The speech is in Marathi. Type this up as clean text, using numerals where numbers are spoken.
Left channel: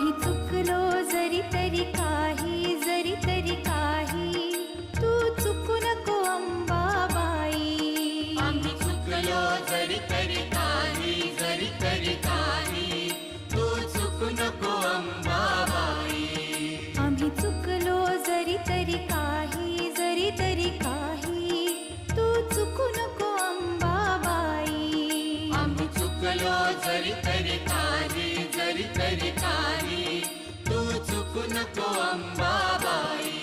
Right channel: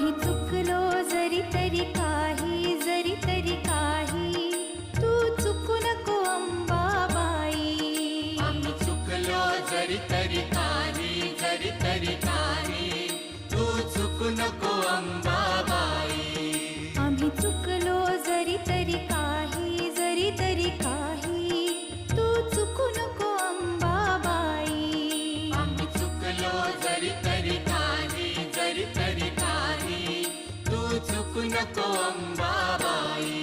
आम्ही चुकलो जरी तरी काही, जरी तरी काही, तू चुकू नको अंबाबाई. आम्ही चुकलो जरी तरी काही, जरी तरी काही, तू चुकू नको अंबाबाई. आम्ही चुकलो जरी तरी काही, जरी तरी काही, तू चुकू नको अंबाबाई. आम्ही चुकलो जरी तरी काही, जरी तरी काही, तू चुकू नको अंबाबाई.